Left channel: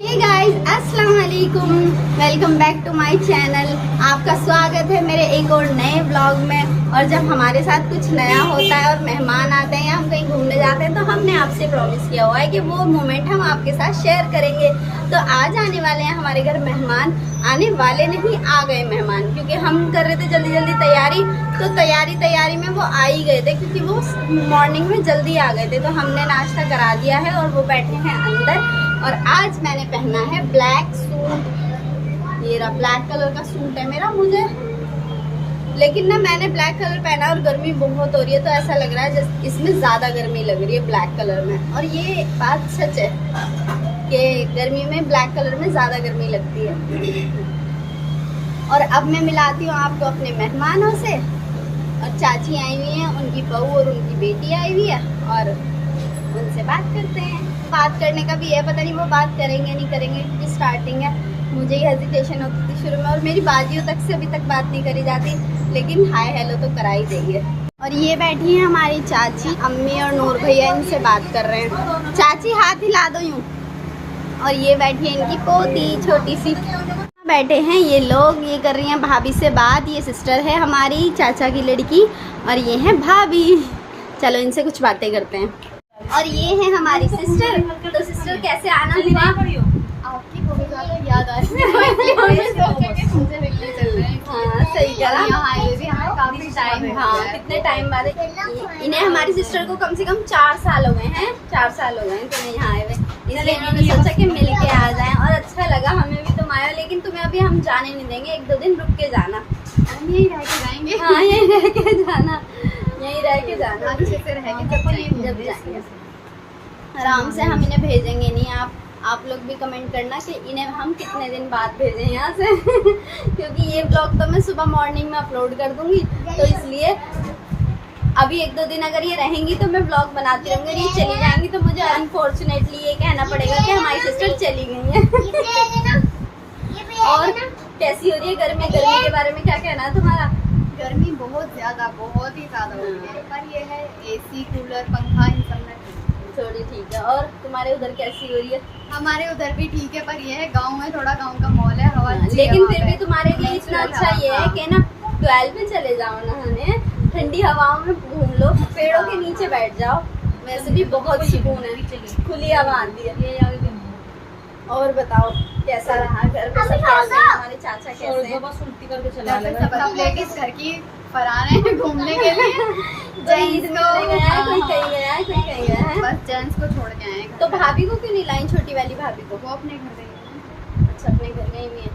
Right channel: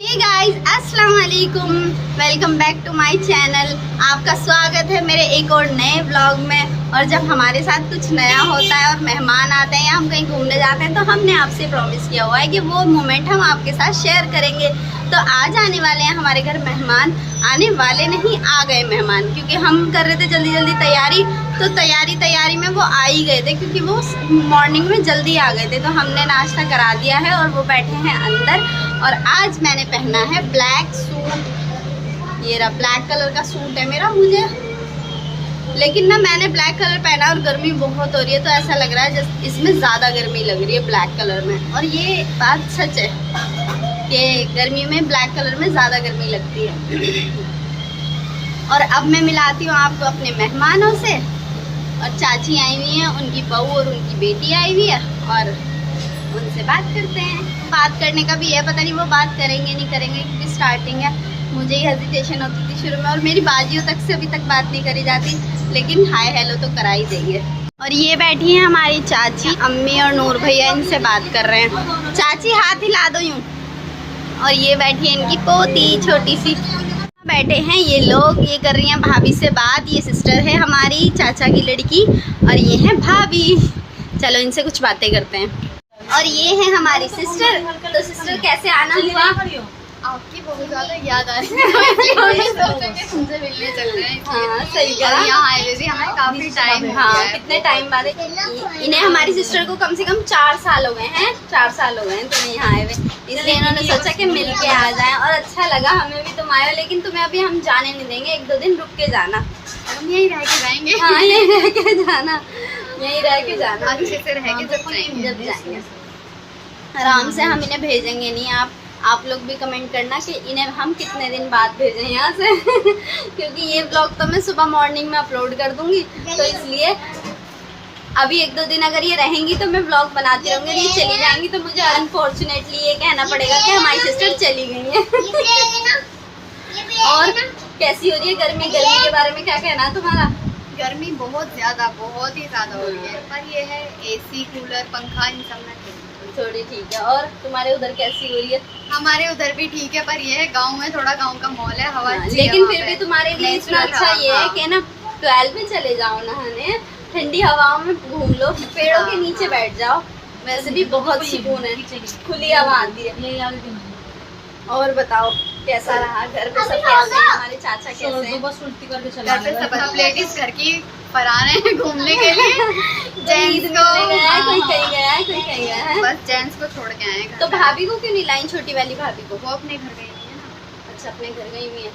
हे guys, अस्सलाम वालेकुम, welcome back to my channel. आपका स्वागत है मेरे एक और नए व्लॉग में। और जब हमारे साथ कुछ नया होता है और मेहमान आते हैं या हम कहीं घूमने जाते हैं तो हमने आपसे प्रॉमिस किया हुआ है कि वो मोमेंट हम आपके साथ शेयर करेंगे। तो आज आने वाले हैं हमारे घर मेहमान, आने वाले नहीं, आ गए मेहमान, क्योंकि हम कर रहे थे जल्दी जल्दी तैयारी। तो तैयारी में वो आ ही गए थे, क्योंकि वो मॉर्निंग में जल्दी आ गए थे। तो हमने नाश्ता करा दिया है और वो बैठे हैं अंदर। और आज मैंने पहना है ब्लैक सूट। ये रहा, ब्लैक कलर का सूट है मेरा। मुझे लेकिन ना मैंने ब्लैक कलर पहना और गर्मी बहुत हो रही है, तो ऐसा लग रहा है जैसे इसमें ज़्यादा गर्मी लग रही है ब्लैक कलर में। और ये बात सच है कि गर्मी में ब्लैक कलर में ज़्यादा गर्मी लगती है। और अब मैं मिलाती हूँ आपको अपने मेहमानों से। और चाची आई हुई हैं, उनकी बहू और उनकी बेटी आई हुई है, और उनसे बात करते हैं। बात करने का भी है, पता नहीं वो बात करेंगे नहीं करेंगे, क्योंकि स्टार्टिंग है। मुझे ही हेजिटेशन होती थी शुरू में, और मेरी बाजियों तक से अभी तक बात नहीं करी जाती, लेकिन हाय हेलो तो करा ही देंगे। और ये बैठी हैं हमारी चाची, अम्मी और नूर भैया इनसे बात कर रहे हैं। चाची हाथ हिला दो यूँ। और ये बैठी है इनकी पोती छोटी सी। बैठे हैं ये लोग, ये कर रही हैं भाभी से बात। ये सिस्टर है हमारी चाचा की लड़की, और ये है भाभी। चलो इनसे कुछ बातें करते हैं। और ये है हमारी सिस्टर। तो सिस्टर कैसे आना हुआ? आपकी बहुत ज्यादा याद आ रही है। तुमसे मिलने चल रहे हैं। हाँ सही कहा। यहाँ आए हुए हमें काफी टाइम। हाँ कितने टाइम बाद इन्हें, हमारी सिस्टर को कम से कम 4 साल हो गए हैं। 4 साल हो गए हैं तुम्हें यहाँ आए हुए, इसलिए इन्होंने सोचा कि मिल के आ जाएं। और अच्छा लगा, हमें भी तुम आए हो, लेकिन तुम्हें अभी हम जाने नहीं देंगे। 1-2 दिन रुक के जाना। हम यहीं रह के जाएंगे। हाँ यहीं रह के जाना, यहीं रह के जाना, अच्छे से रह के जब जाएंगे आराम से। हम इन्हें भेजेंगे नहीं। आप लोग भी कमेंट करना कि इन्हें हम कितने दिन बाद भेजें यहाँ से क्योंकि ये ब्लॉग तो मैं सुबह मॉर्निंग में अपलोड कर दूंगी, तो इसलिए अभी 1-2 दिन अगर ये रहेंगी तो मैं ब्लॉग बनाती रहूँगी। ये चली जाएंगी तो मुझे अनफॉर्चुनेटली ये कहना पड़ेगा कि हमारी सिस्टर चली गई है। और कैसी हो रही है गर्मी? गर्मी के बारे में क्या कहना है तुम्हारा? गर्मी बहुत ही ज्यादा हो रही है, पर ये है एसी कूलर पंखा इन सब में थोड़ी ठीक है। और तुम्हारे उधर कैसी हो रही है? हमारे उधर भी ठीक है, पर ये है गांव में थोड़ा गांव का माहौल है, हवा अच्छी है लेकिन वहाँ फिर पे। भी तुम्हारे लिए इतना अच्छा ये है कि ना 12 में चले जाओ नहाने, ठंडी हवाओं में घूम लो, पेड़ों के नीचे बैठ जाओ। वैसे भी बहुत सुकून है, खुली हवा आती है। और बताओ कैसा रहा? घर पे सब कैसे हैं? हमारे चाचा कैसे हैं? घर पे सब लेडीज घर की पर आ रहे हैं घूमने के लिए। जेंट्स को गया है, कोई कहीं गया है, कोई कहीं गया है। बस जेंट्स को छोड़ के आए हैं। तो भाभी को क्यों नहीं लाई? छोटी वाली भाभी को? वो अपने घर गई है ना। अच्छा अपने घर गई हुई है।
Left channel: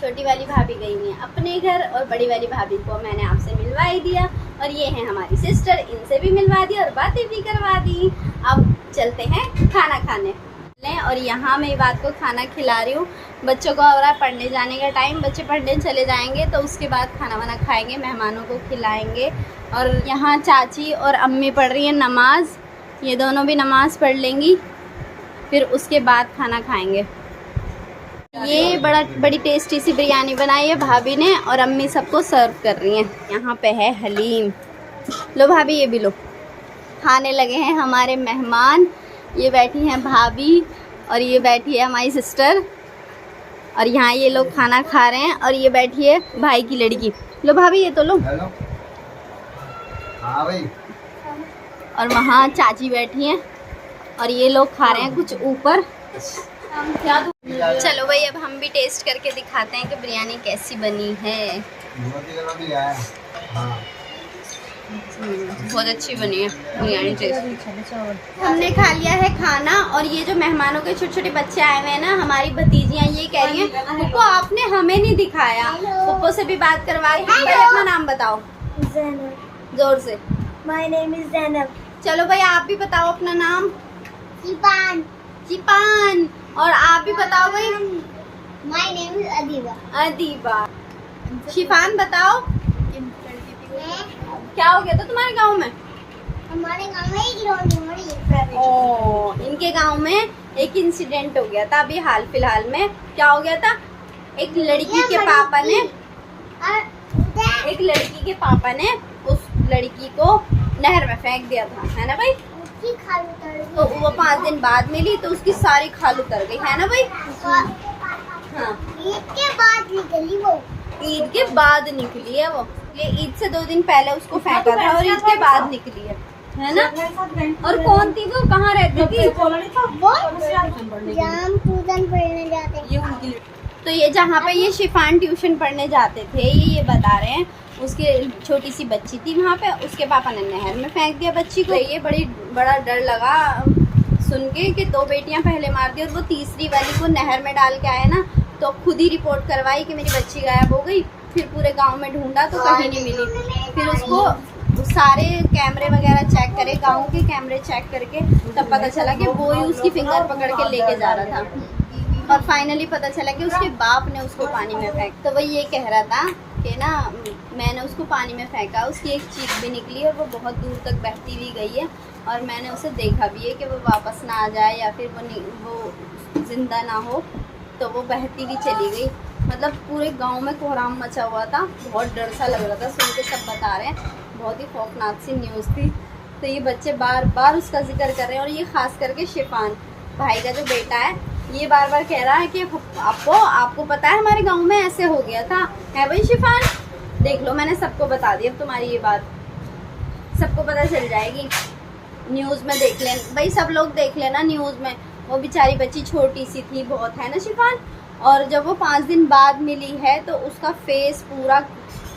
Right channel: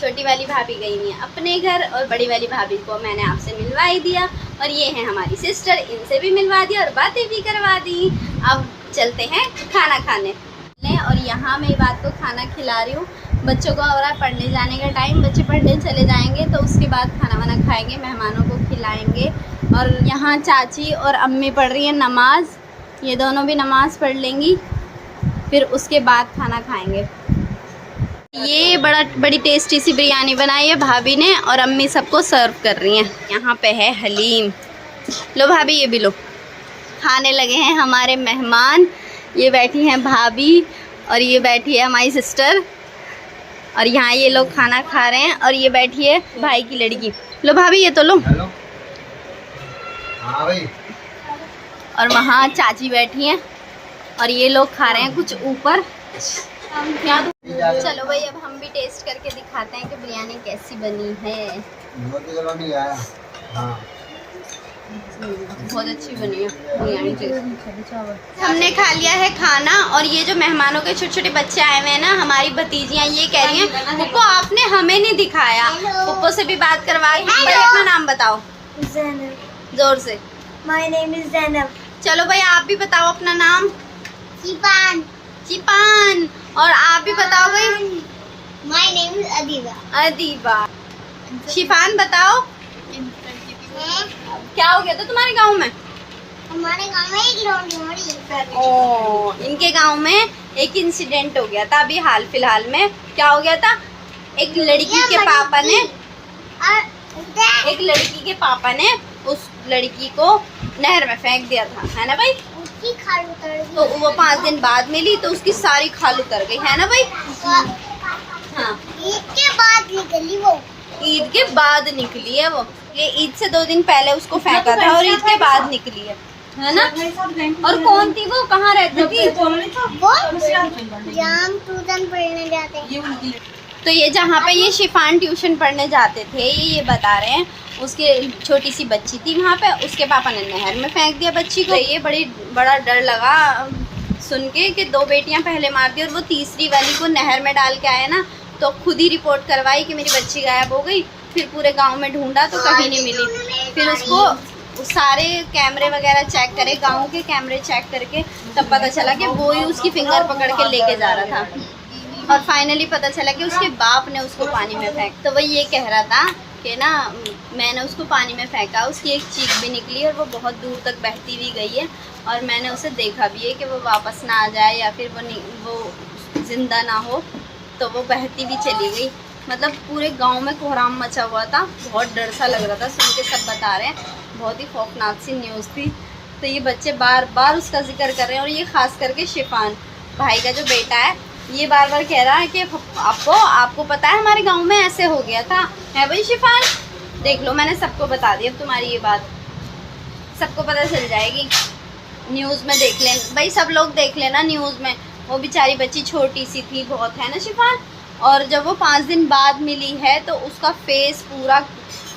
छोटी वाली भाभी गई हुई है अपने घर, और बड़ी वाली भाभी को मैंने आपसे मिलवा ही दिया। और ये है हमारी सिस्टर, इनसे भी मिलवा दी और बातें भी करवा दी। अब चलते हैं खाना खाने। और यहाँ मैं बात को खाना खिला रही हूँ। बच्चों को हो रहा है पढ़ने जाने का टाइम, बच्चे पढ़ने चले जाएंगे तो उसके बाद खाना वाना खाएंगे, मेहमानों को खिलाएंगे। और यहाँ चाची और अम्मी पढ़ रही हैं नमाज, ये दोनों भी नमाज पढ़ लेंगी, फिर उसके बाद खाना खाएंगे। ये बड़ी टेस्टी सी बिरयानी बनाई है भाभी ने, और अम्मी सबको सर्व कर रही हैं। यहाँ पे है हलीम। लो भाभी ये भी लो। खाने लगे हैं हमारे मेहमान। ये बैठी हैं भाभी, और ये बैठी है हमारी सिस्टर, और यहाँ ये लोग खाना खा रहे हैं। और ये बैठी है भाई की लड़की। लो भाभी ये तो लो। हाँ भाई। और वहाँ चाची बैठी हैं, और ये लोग खा रहे हैं कुछ ऊपर। चलो भाई अब हम भी टेस्ट करके दिखाते हैं कि बिरयानी कैसी बनी है। हाँ। बहुत अच्छी बनी है बिरयानी। टेस्ट हमने खा लिया है खाना। और ये जो मेहमानों के छोटे छोटे बच्चे आए हुए हैं ना, हमारी भतीजियाँ, ये कह रही हैं पुप्पो आपने हमें नहीं दिखाया। पुप्पो से भी बात करवा। भाई अपना नाम बताओ जोर से। My name is Zainab. चलो भाई आप भी बताओ अपना नाम। Sipan. चिपान। और आप भी बताओ भाई। My name is Adiba. Adiba. Shifan बताओ क्या हो गया था तुम्हारे गांव में? हमारे गांव में एक लौंडी मरी। ओ, इनके गांव में एक इंसिडेंट हो गया था अभी हाल फिलहाल में। क्या हो गया था? एक लड़की के पापा ने उस लड़की को नहर में फेंक दिया था, है ना भाई? उसकी खाल उतर गई। तो वो 5 दिन बाद मिली तो उसकी सारी खाल उतर गई, है ना भाई? हाँ, ईद के बाद निकली वो। ईद के बाद निकली है वो। ये ईद से 2 दिन पहले उसको फेंका था और ईद के बाद निकली है ना? और कौन थी वो, कहाँ रहती थी? वो जाम ट्यूशन पढ़ने जाते हैं। तो ये जहाँ पे ये शिफान ट्यूशन पढ़ने जाते थे, ये बता रहे हैं, उसकी छोटी सी बच्ची थी वहाँ पे, उसके पापा ने नहर में फेंक दिया बच्ची को। ये बड़ा डर लगा सुन के कि 2 बेटियाँ पहले मार दी और वो तीसरी वाली को नहर में डाल के आए ना, तो खुद ही रिपोर्ट करवाई कि मेरी बच्ची गायब हो गई। फिर पूरे गांव में ढूंढा तो कहीं नहीं मिली। फिर उसको सारे कैमरे वगैरह चेक करे, गांव के कैमरे चेक करके तब पता चला कि वो ही उसकी फिंगर पकड़ के लेके जा रहा था। और फाइनली पता चला कि उसके बाप ने उसको पानी में फेंक। तो वो ये कह रहा था कि ना मैंने उसको पानी में फेंका, उसकी एक चीख भी निकली और वो बहुत दूर तक बहती भी गई है और मैंने उसे देखा भी है कि वो वापस ना आ जाए या फिर वो ज़िंदा ना हो, तो वो बहती भी चली गई। मतलब पूरे गांव में कोहराम मचा हुआ था, बहुत डर सा लग रहा था सुन के, सब बता रहे हैं बहुत ही खौफनाक सी न्यूज़ थी। तो ये बच्चे बार बार उसका जिक्र कर रहे हैं और ये ख़ास करके शिफान भाई का जो बेटा है, ये बार बार कह रहा है कि आपको पता है हमारे गांव में ऐसे हो गया था, है भाई शिफान? देख लो मैंने सबको बता दी, अब तुम्हारी ये बात सबको पता चल जाएगी। न्यूज़ में देख लें भाई, सब लोग देख लेना न्यूज़ में। वो बेचारी बच्ची छोटी सी थी बहुत, है ना शिफान? और जब वो 5 दिन बाद मिली है तो उसका फेस पूरा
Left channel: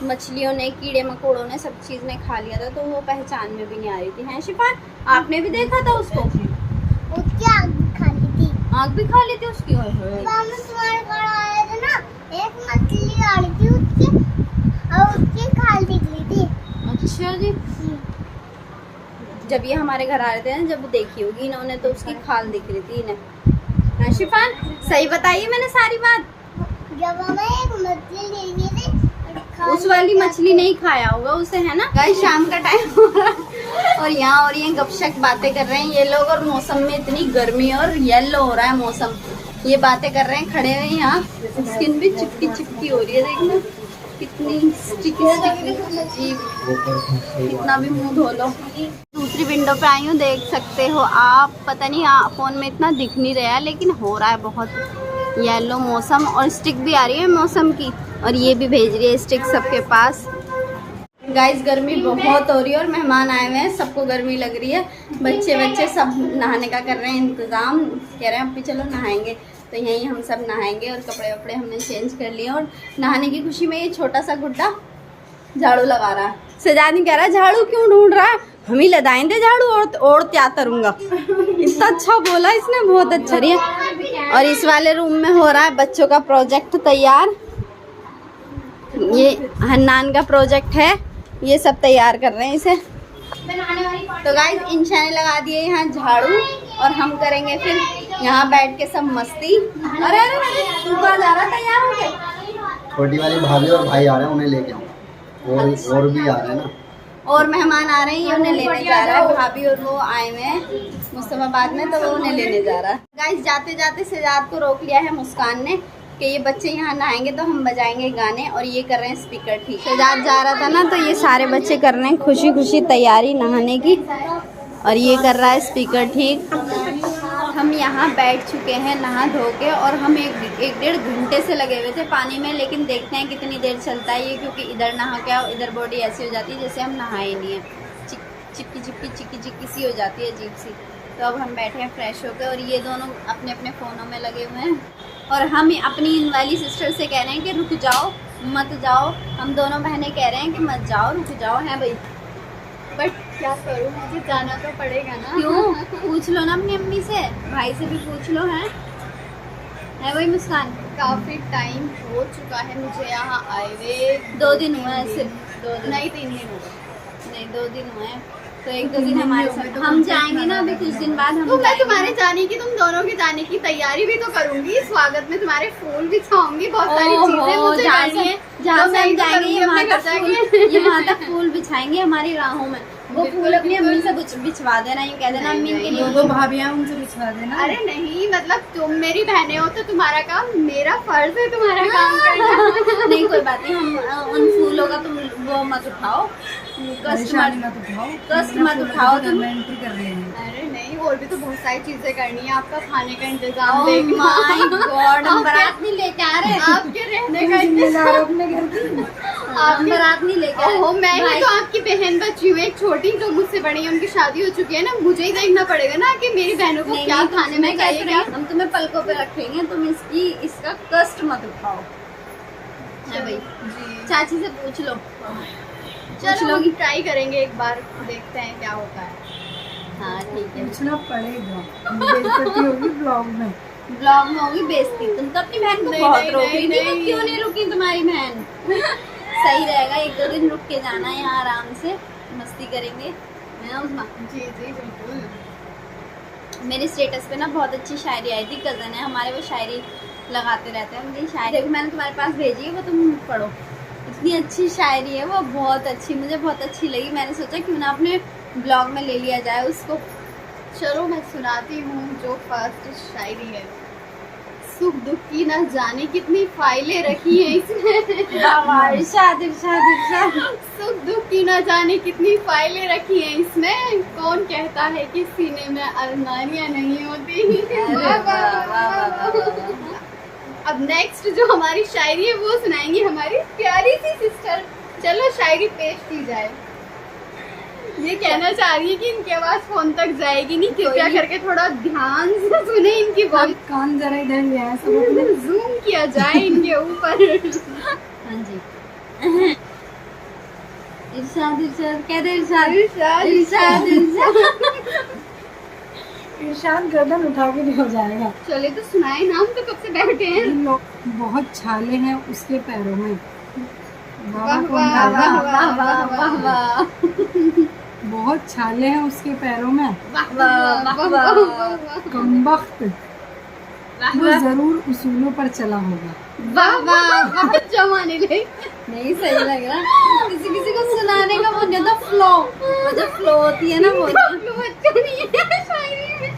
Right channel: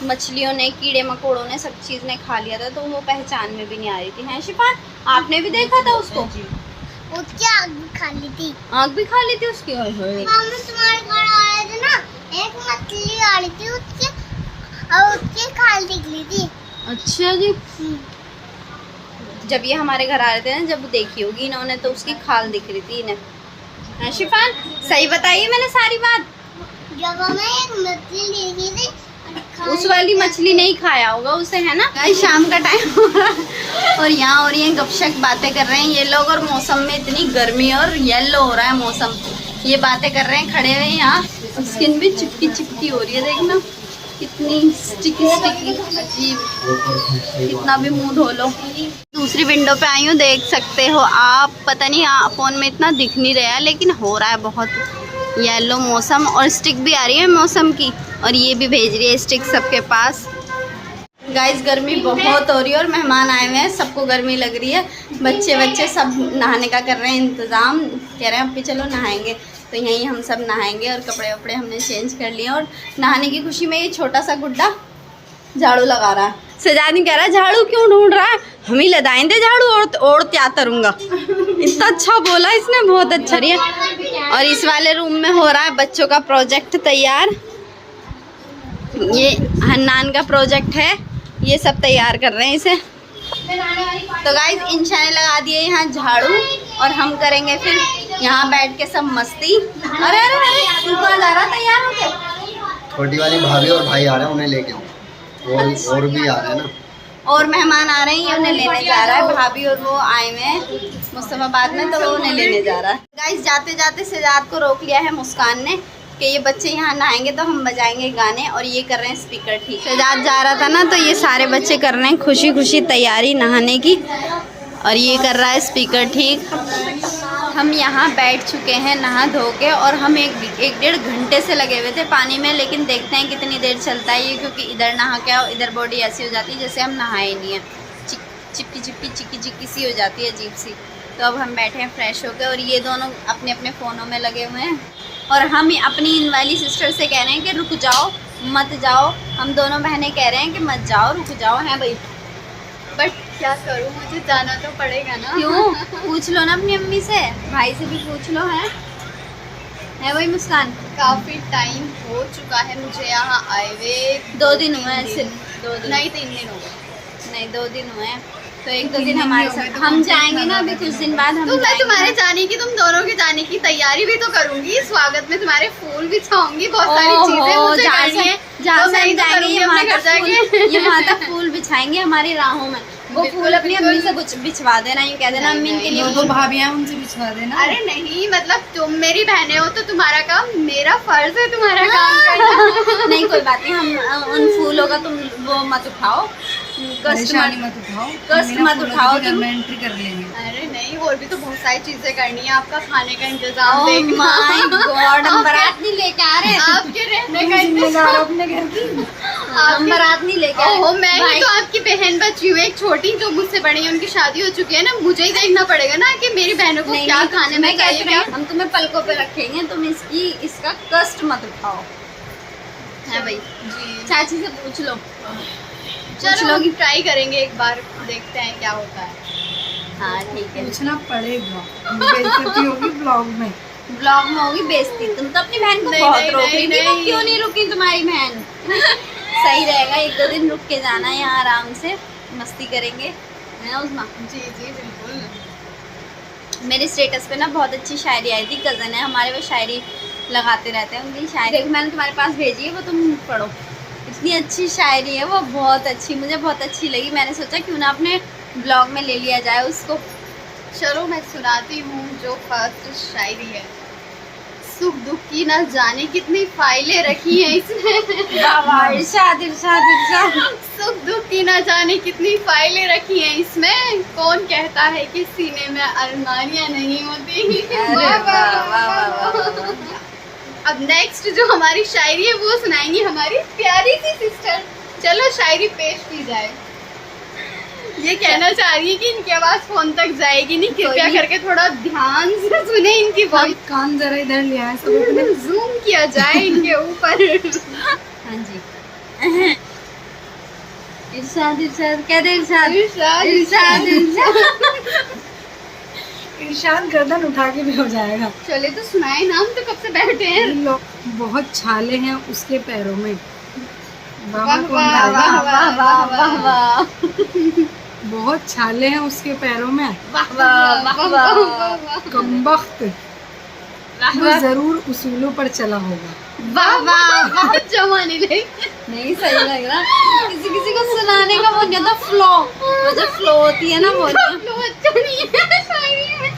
मछलियों ने, कीड़े मकोड़ों ने, सब चीज़ ने खा लिया था, तो वो पहचान में भी नहीं आ रही थी, है शिफान? आपने भी देखा था उसको? उसकी आँख भी खाली थी। आँख भी खा ली थी उसकी? मामा तुम्हारे घर आ रहे थे ना, एक मछली आ रही थी उसकी और उसकी खाल निकली थी। अच्छा जी। जब ये हमारे घर आ रहे थे ना, जब देखी होगी इन्होंने, तो उसकी खाल दिख रही थी इन्हें, है शिफान? सही बताइए मैंने सारी बात। जब हमें एक मछली देखी थी, उस वाली मछली नहीं खाया होगा उसे, है ना? गाइस शाम का टाइम हो रहा है और यहाँ और ये गपशप बातें कर रहे हैं ये लोग, और मौसम में इतनी गर्मी और येलो हो रहा है मौसम, ये बातें कर रहे हैं खड़े हुए यहाँ। स्किन भी चिपकी चिपकी हो रही है, देखना कितनी स्टिकी स्टिकी अजीब, कितना भी मुंह धो लो। दूसरी विंडो पे आई हूँ, देख सकते हो आप, पता नहीं फ़ोन में इतना दिख नहीं रहा है लेकिन हो रहा है बहुत येलो मौसम, और स्टिक भी आ रही है मौसम की, और ये भी भेज रही है स्टिक सबके पास। गाइस गर्मी बहुत हो रही है और मेहमान आए हुए हैं, सबको गर्मी लग रही है, बच्चे सब नहाने का कर रहे हैं इंतज़ाम, कह रहे हैं अभी चलो नहाएंगे, तो यहीं हम सब नहाएंगे और कपड़े वपड़े हमने चेंज कर लिए। और नहाने की खुशी में ये छोटा सा गुड्डा झाड़ू लगा रहा है। सजानी कह रहा है झाड़ू क्यों ढूंढ रहा है, हम ही लगाएंगे झाड़ू और क्या करूँगा। इतना अच्छा बोला इसने, बहुत अच्छा रही है। और इस वाले रूम में हो रहा है बच्चों का प्रोजेक्ट तैयार, ये हन्नान का प्रोजेक्ट है, ये सब तैयार कर रहे हैं इसे। तो गाइस इंशा ने लगा दिए यहाँ झाड़ू और हम करेंगे फिर यहाँ बैठ के सब मस्ती। अरे अरे अरे तू कहाँ जा रहा, तैयार हो गया? छोटी वाली भाभी और भाई आ रहे हैं, उन्हें लेके आऊँ, और भी आ रहे हैं ना, और मेहमान आ रहे हैं, ये उन्हें लेने जा रहा है। भाभी और वो आए हुए हैं मुस्तफाबाद में, तो वो उन्हें लेने जा रहा है। गाइस जाते जाते सजाद को रोक लिया है मुस्कान ने कि ये बच्चे यहाँ नहाएंगे तो हम बजाएंगे गाने, और ये कर रहे हैं स्पीकर ठीक। सजाद जा रहा था ना, तो ये सारे बच्चे कर रहे हैं खुशी खुशी तैयारी नहाने की, और ये कर रहा है स्पीकर ठीक। हम यहाँ बैठ चुके हैं नहा धो के, और हम एक डेढ़ घंटे से लगे हुए थे पानी में, लेकिन देखते हैं कितनी देर चलता है ये, क्योंकि इधर नहा के आओ, इधर बॉडी ऐसी हो जाती है जैसे हम नहाए नहीं है, चिपकी चिक्की सी हो जाती है अजीब सी। तो अब हम बैठे हैं फ्रेश होकर, और ये दोनों अपने अपने फ़ोनों में लगे हुए हैं, और हम अपनी इन वाली सिस्टर से कह रहे हैं कि रुक जाओ मत जाओ। हम दोनों बहनें कह रहे हैं कि मत जाओ, रुक जाओ, हैं भाई? बट क्या करूँ, मुझे जाना तो पड़ेगा ना। क्यों? पूछ लो ना अपनी अम्मी से, भाई से भी पूछ लो, है वही मुस्कान? काफ़ी टाइम हो चुका है मुझे यहाँ आए हुए, 2 दिन हुए हैं सिर्फ, 2 दिन नहीं 3 दिन हो गए। नहीं 2 दिन हुए हैं, तो 1-2 दिन हमारे साथ हम जाएंगे ना अभी कुछ दिन बाद। हम तो मैं जाएंगे तुम्हारे ना। जाने की, तुम दोनों के जाने की तैयारी भी तो करूंगी, स्वागत में तुम्हारे फूल बिछाऊंगी, बहुत सारी चीजें मुझे करनी है, जहाँ तो से मैं ही हम तो जाएंगे करूंगी ये अपने वहाँ घर तक जाके। ये वहाँ तक फूल बिछाएंगे हमारी राहों में, वो बिल्कुल, फूल अपनी अम्मी से बिल्कुल। कुछ बिछवा देना, यूँ कह देना अम्मी के लिए दो भाभियां उनसे बिछवा देना। अरे नहीं, मतलब तुम मेरी बहनें हो तो तुम्हारा काम, मेरा फर्ज है तुम्हारा काम करना। नहीं कोई बात नहीं, हम उन फूलों का तुम वो मत उठाओ, परेशानी मत उठाओ, कष्ट मत उठाओ तुम। एंट्री कर लेंगे। अरे नहीं, और भी तो बहुत सारी चीजें करनी है, आपका खाने का इंतजाम Oh देखना। my God, हम बारात नहीं लेके आ रहे। आपके रहने का जिम्मेदार अपने घर की। हम बारात नहीं लेके आ ओहो, रहे। मैं ही भाई, तो आपकी बहन बच्ची हूँ, एक छोटी जो मुझसे बड़ी है, उनकी शादी हो चुकी है ना, मुझे ही देखना पड़ेगा ना कि मेरी बहनों को नहीं, क्या नहीं, खाने में मैं चाहिए। कहती हूँ, हम तुम्हें पलकों पे रखेंगे, तुम इसका कष्ट मत उठाओ। है भाई, जी चाची से पूछ लो। चलो हम ट्राई करेंगे एक बार, देखते हैं क्या होता है। हाँ ठीक है। पूछना पड़ेगा, बेइज्जती होगी ब्लॉग में। ब्लॉग में होगी बेइज्जती। तुम तो अपनी बहन को नहीं, बहुत नहीं, रोक रही थी, वो नहीं। क्यों नहीं रुकी तुम्हारी बहन? सही रहेगा, 1-2 दिन रुक के जाना, यहाँ आराम से मस्ती करेंगे, है ना उस्मा? जी जी बिल्कुल। मेरे स्टेटस पे ना बहुत अच्छी शायरी आई थी, कज़न है हमारे, वो शायरी लगाते रहते हैं, उनकी शायरी देखो मैंने तुम्हारे पास भेजी है, वो तुम पढ़ो। इतनी अच्छी शायरी है वो, बहुत अच्छी, मुझे बहुत अच्छी लगी। मैंने सोचा क्यों ना अपने ब्लॉग में ले लिया जाए उसको। चलो मैं सुनाती हूँ जो फर्स्ट शायरी है। सुख दुख की न जाने कितनी फाइलें रखी हैं इसमें। वाह वाह, इरशाद इरशाद इरशाद। सुख दुख की न जाने कितनी फाइलें रखी हैं इसमें। कौन कहता है कि सीने में अरमानियां नहीं होती। अरे वाह, वाह, वाह, वाह, वाह, वाह, वाह। अब नेक्स्ट जो हमारी शायरी है वो सुनाएंगी हमारी प्यारी सी सिस्टर। चलो शायरी पेश की जाए। ये कहना चाह रही है कि इनकी आवाज फोन तक जाएगी नहीं, कृपया करके थोड़ा ध्यान से सुने इनकी वॉइस। कान जरा इधर ले आए सब अपने। जूम किया जाए इनके ऊपर। हाँ जी। इरशाद इरशाद, कह दे इरशाद इरशाद, इरशाद इरशाद। इरशाद गर्दन उठा के भी हो जाएगा। चले तो सुनाए ना, हम तो कब से बैठे हैं। इन लोग बहुत छाले हैं उसके पैरों में। बाबा वाह, को वाह, अंदाजा। वाह वाह वाह वाह बहुत छाले हैं उसके पैरों में। वाह वाह वाह वाह कमबख्त वो जरूर उसूलों पर चला होगा। वाह वाह। बहुत जमाने लगे। नहीं सही लग रहा, किसी किसी को सुनाने का वो नहीं होता, फ्लो, वो जो फ्लो होती है ना वो नहीं। तो अच्छा नहीं है शायरी में।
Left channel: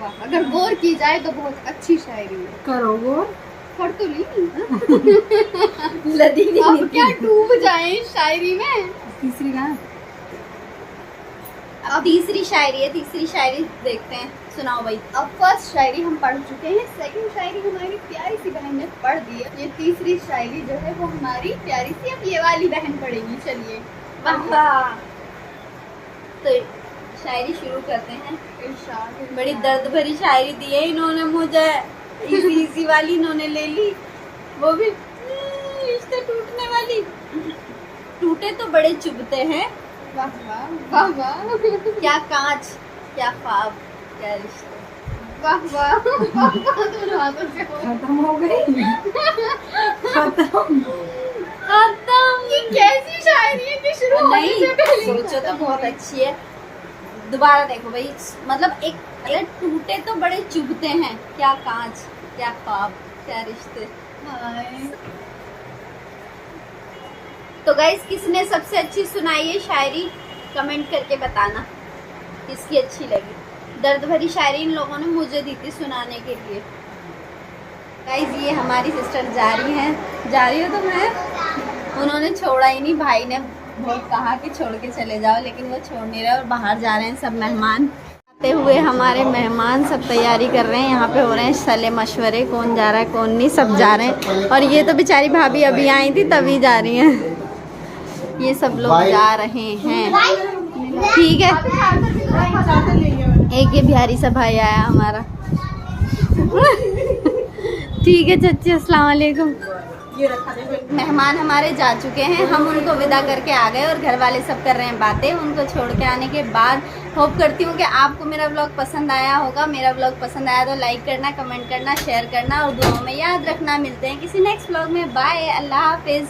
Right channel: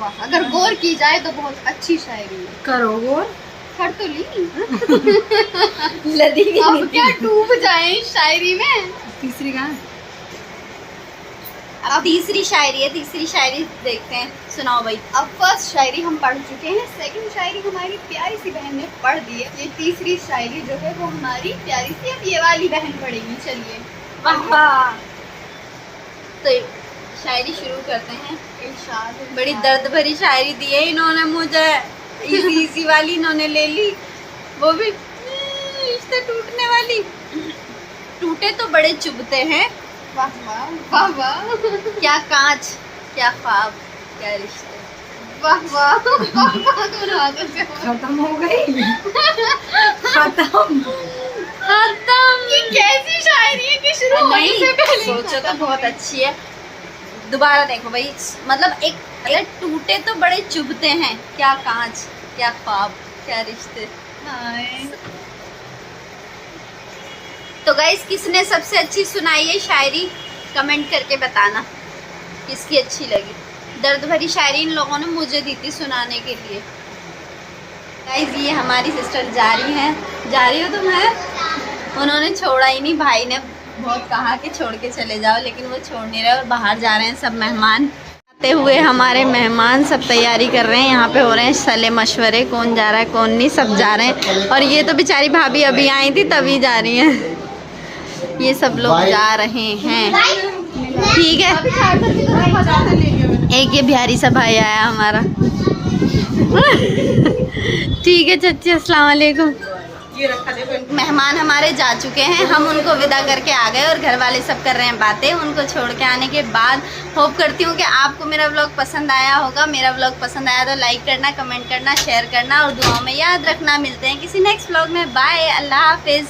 वाह, अगर गौर की जाए तो बहुत अच्छी शायरी है। करो गौर। कर तो ली। लदी भी अब नहीं। क्या डूब जाए इस शायरी में। तीसरी कहाँ है? अब तीसरी शायरी है, तीसरी शायरी देखते हैं, सुनाओ भाई। अब फर्स्ट शायरी हम पढ़ चुके हैं, सेकंड शायरी हमारी प्यारी सी बहन ने पढ़ दी है। ये तीसरी शायरी जो है वो हमारी प्यारी सी अब ये वाली बहन पढ़ेगी। चलिए वाह वाह। तो शायरी शुरू करते हैं। इरशाद। बड़ी दर्द भरी शायरी दी है इन्होंने मुझे, इजी इजी वाली इन्होंने ले ली, वो भी रिश्ते टूटने वाली। टूटे तो बड़े चुभते हैं, वाह वाह वाह वाह क्या कांच क्या ख्वाब क्या रिश्ते। वाह वाह वाह वाह, दोनों हाथों से हो। खत्म हो गई। खत्म। ये कैसी शायरी है कि शुरू होने नहीं से पहले ही सोचो तो खत्म हो बहुत गई। अच्छी है। दोबारा देखो भाई, मतलब एक टूटे तो बड़े चुभते हैं, क्या कांच क्या ख्वाब क्या रिश्ते। हाय। तो गाइस किसने सबसे अच्छी सुनाई है शायरी, कमेंट करके बताना किसकी अच्छी लगी। दर्द भरी शायरी इन लोगों ने मुझे दी थी सुनाने के लिए। गाइस ये हमारी सिस्टर जा रही हैं, जा रही हो तुम? है उन्होंने छोड़ा ही नहीं, भाई ने बहुत कहा कि छोड़ के चले जाओ, लेकिन वो छोड़ नहीं रहे और बाहर जा रहे हैं सब मेहमान। आते हुए हमारे मेहमान सब तैयारी कर रहे हैं, यहाँ पे हो रहे हैं सले मशवरे, कौन जा रहा है कौन नहीं, सब जा रहे हैं। और ये तो बेचारी भाभी अभी आई थी तभी जा रही हैं, ये सब लोग जा रहे हैं। ठीक है, एक ये बिहारी सा भाई आया हमारा। ठीक है चाची, अस्सलाम वालेकुम। मेहमान हमारे जा चुके हैं, हम उनको विदा करके आ गए और घर वाले सब कर रहे हैं बातें। उनको छोड़ के आने के बाद होप करती हूँ कि आपको मेरा व्लॉग पसंद आया होगा। मेरा व्लॉग पसंद आया तो लाइक करना, कमेंट करना, शेयर करना और दुआओं में याद रखना। मिलते हैं किसी नेक्स्ट व्लॉग में। बाय, अल्लाह हाफिज़।